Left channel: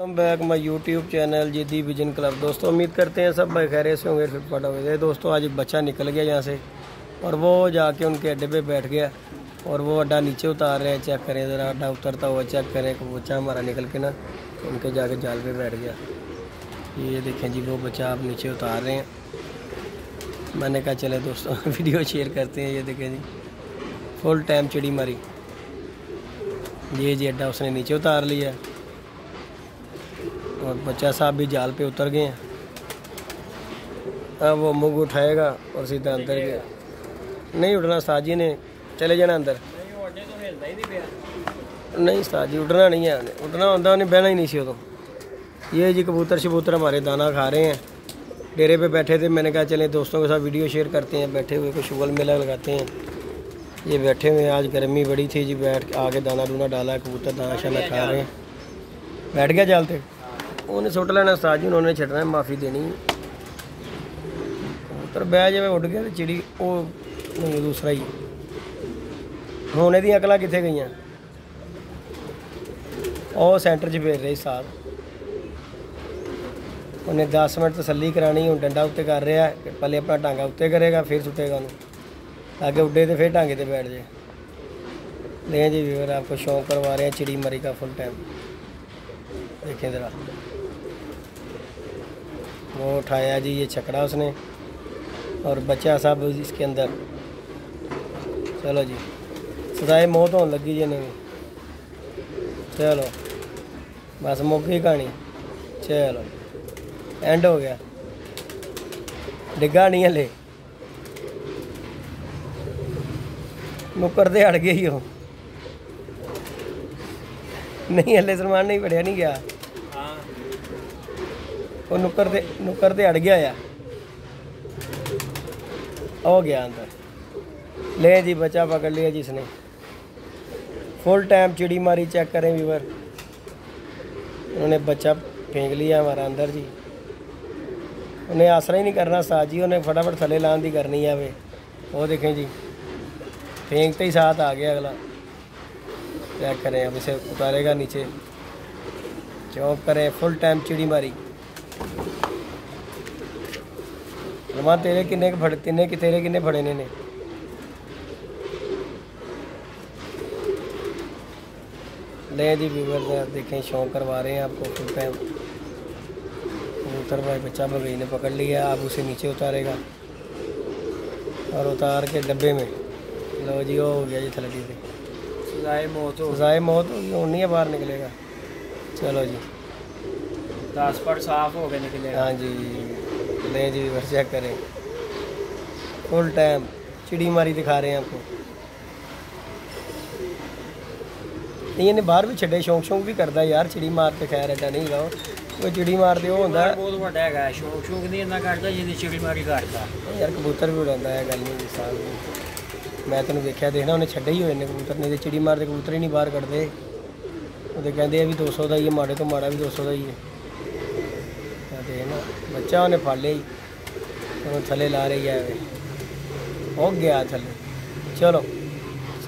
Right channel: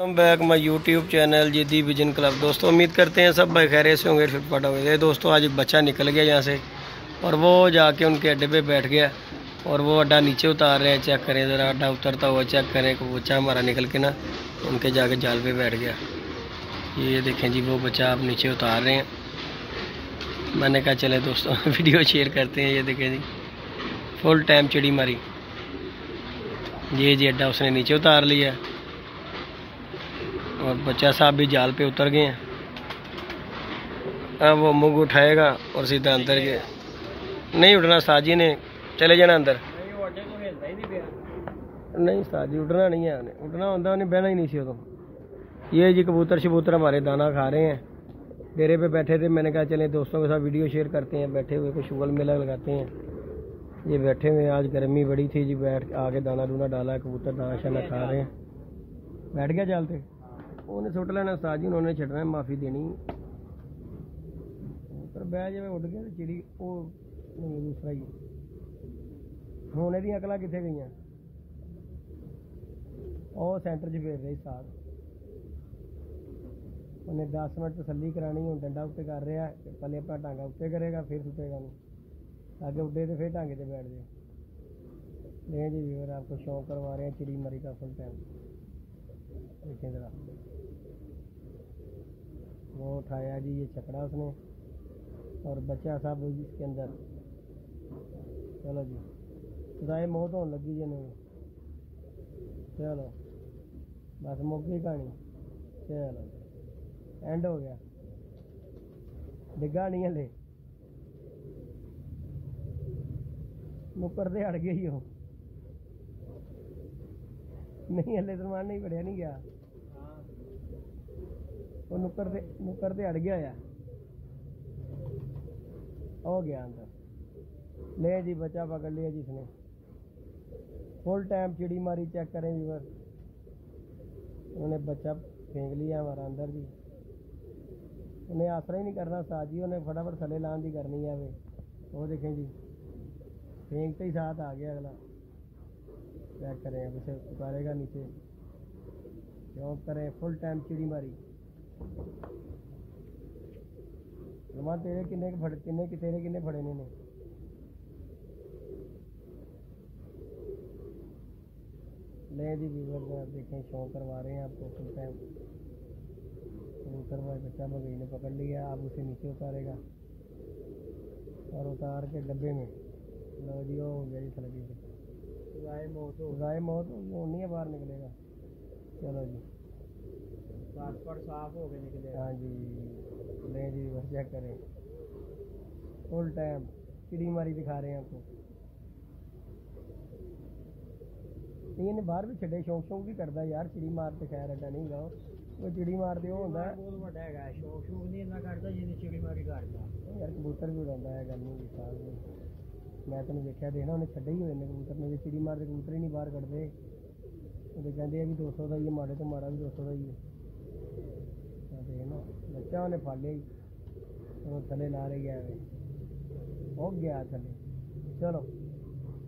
Welcome back my YouTube channel जिद्दी vision club. दोस्तों उम्मीद करते हैं सब भाई खैरियत से होंगे, फिटफाट होंगे। दोस्तों आज एक बच्चा निकल गया यहाँ से और वो जाके उनके अड्डे पे बैठ गया और वो अड्डा नीचे उतार रहे हैं। चेक करें ज़रा, अड्डा उतरता हुआ चेक करें। बच्चा हमारा निकल के ना उनके जाके जाल पे बैठ गया। ये देखें जी, वो बच्चा आप नीचे उतार रहे हैं। मैंने कहा चले दोस्तों वीडियो शेयर करते हैं। ये देखें जी, फुल टाइम चिड़ी मारी। ये जी अड्डा उसने नीचे उतार लिया और बच्चा साहब भी जाल पे उतर गए हैं। अब वो मुँह उठाएगा और सीधा अंदर गया। नहीं उठना साजी ने, चले जाना अंदर। नहीं साजी उठना नहीं है, उठना होता उन्हें बहना ही नहीं सी उदों। ये जी कबूतर शबूतर हमारे दाना खा रहे हैं। डेरे पे बैठे थे, मैंने कहा चले दोस्तों के साथ वीडियो शेयर करते हैं। बैठे हुए को शुगल मेला लगाते हैं। ये बैठे हुए, आज गर्मी बड़ी थी जी, बैठ आके दाना दूना डाला, कबूतर दाना शाना खा रहे हैं। बैठ गया जाल पे, उन्हें सुट लेना साजी, उन्होंने छड़ना है, माफ़ी देनी। कबूतर बह जाए उड़ गया तो चिड़ी वो नहीं, दूसरा ही होने दी अकल कितने गई। और सेंटर च फेर रही साथ, उन्हें 10 मिनट तसल्ली करानी। हूँ डंडा उत्ते कर रहा है, पहले अपना टांगा उत्ते करेगा फिर सुटेगा उन्हें, आगे उड्डे तो फिर टांगे पे बैठ जाए। दें जी व्यूअर, आपको शौक करवा रहे हैं चिड़ी मरी का फुल टाइम। देखें ज़रा, वो उठाया जी ये छकड़ा उसने और बच्चा साहब इसके अंदर। चलो जी, सजाए मौत होने लगी जी इन्हें। चलो बस मुक गई कहानी। चलो एंड हो गया, डिग्गा नहीं हले, नुक्कर दे अड़ गई हो। नहीं हले सलमान नहीं पढ़िया नहीं गया, वो नुक्कर दे अड़ गया या हो गया अंदर। ले जी बच्चा पकड़ लिया जिसने, फुल टाइम चिड़ी मारी। चेक करें व्यूअर, उन्होंने बच्चा फेंक लिया हमारा अंदर जी। उन्हें आसरा ही नहीं करना साथ जी, उन्हें फटाफट थले लान दी करनी है। वे वो देखें जी, फेंकते ही साथ आ गया अगला। चेक करें, अब इसे उतारेगा नीचे। चौक करें, फुल टाइम चिड़ी मारी। रमान तेरे किन्ने फड़े, तेरे किन्ने फड़े ने? ले जी व्यूअर देखें, शौक करवा रहे हैं आपको फुल टाइम। कबूतर भाई बच्चा बगई ने पकड़ लिया, अब उसे नीचे उतारेगा और उतार के डब्बे में। लो जी, वो हो गया जी थलड़ी से। सजाए मौत होगी, और नहीं है बाहर निकलेगा। चलो जी, 10 फुट साफ हो गए निकले। हाँ जी, ले जी बस चेक करें, फुल टाइम चिड़ी मारी दिखा रहे हैं आपको। नहीं इन्हें बाहर भी छे, शौक भी करता यार चिड़ी मार के। खैर एडा नहीं गा, वो चिड़ी मारते वो होंगे बहुत बड़ा है। शौक नहीं इन्ना करता जिन्नी चिड़ी मारी करता यार। कबूतर भी उड़ाता है, गल नहीं साल मैं तेन देखा देखना, उन्हें छड्डे ही हुए ने कबूतर। नहीं तो चिड़ी मारते कबूतर ही नहीं बाहर कटते। वो कहते भी 200 का ही है, माड़े तो माड़ा भी 200 का ही है। देखना बच्चा उन्हें फड़ लिया, उन्हें थले ला रही है, हो गया थले। चलो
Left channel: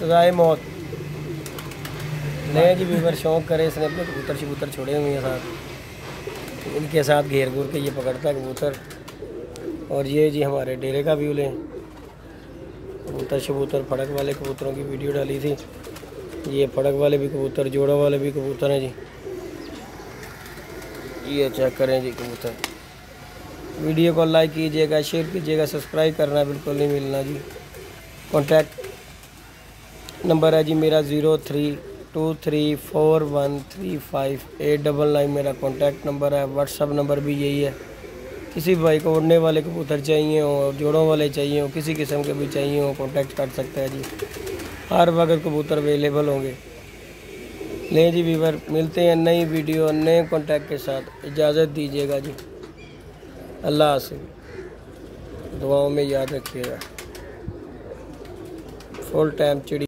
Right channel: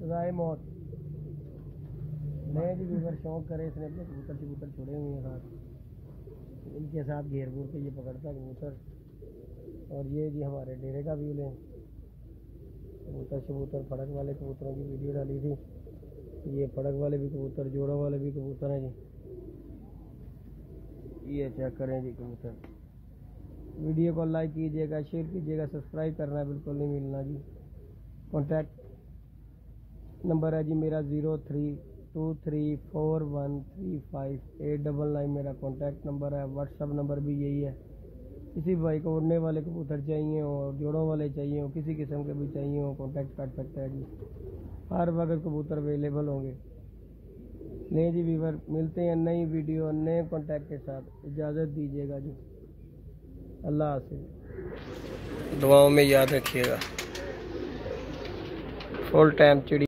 सजाए मौत। नहीं जी व्यूअर, शौक करे इसने अपने कबूतर शबूतर छोड़े हुए हैं साथ, इनके साथ घेर घूर के ये पकड़ता है कबूतर। और ये जी हमारे डेरे का व्यू लें, कबूतर शबूतर फड़क वाले कबूतरों की वीडियो डाली थी। ये फड़क वाले भी कबूतर, जोड़ों वाले भी कबूतर हैं जी। ये चेक करें जी कबूतर। वीडियो को लाइक कीजिएगा, शेयर कीजिएगा, सब्सक्राइब करना बिल्कुल नहीं मिलना जी। कॉन्टैक्ट नंबर है जी मेरा 032341358999 मेरा कॉन्टैक्ट नंबर है। व्हाट्सअप नंबर भी यही है। किसी भाई को उड़ने वाले कबूतर चाहिए हो, जोड़ों वाले चाहिए हो, किसी किस्म के भी चाहिए हो, कॉन्टैक्ट कर सकता है जी। हर वक्त कबूतर अवेलेबल होंगे। ले जी व्यूअर, मिलते हैं नई वीडियो नए कॉन्टैक्ट के साथ। इजाज़त दीजिएगा जी, अल्लाह हाफ़िज़। दुआओं में याद रखिएगा। फुल टाइम चिड़ी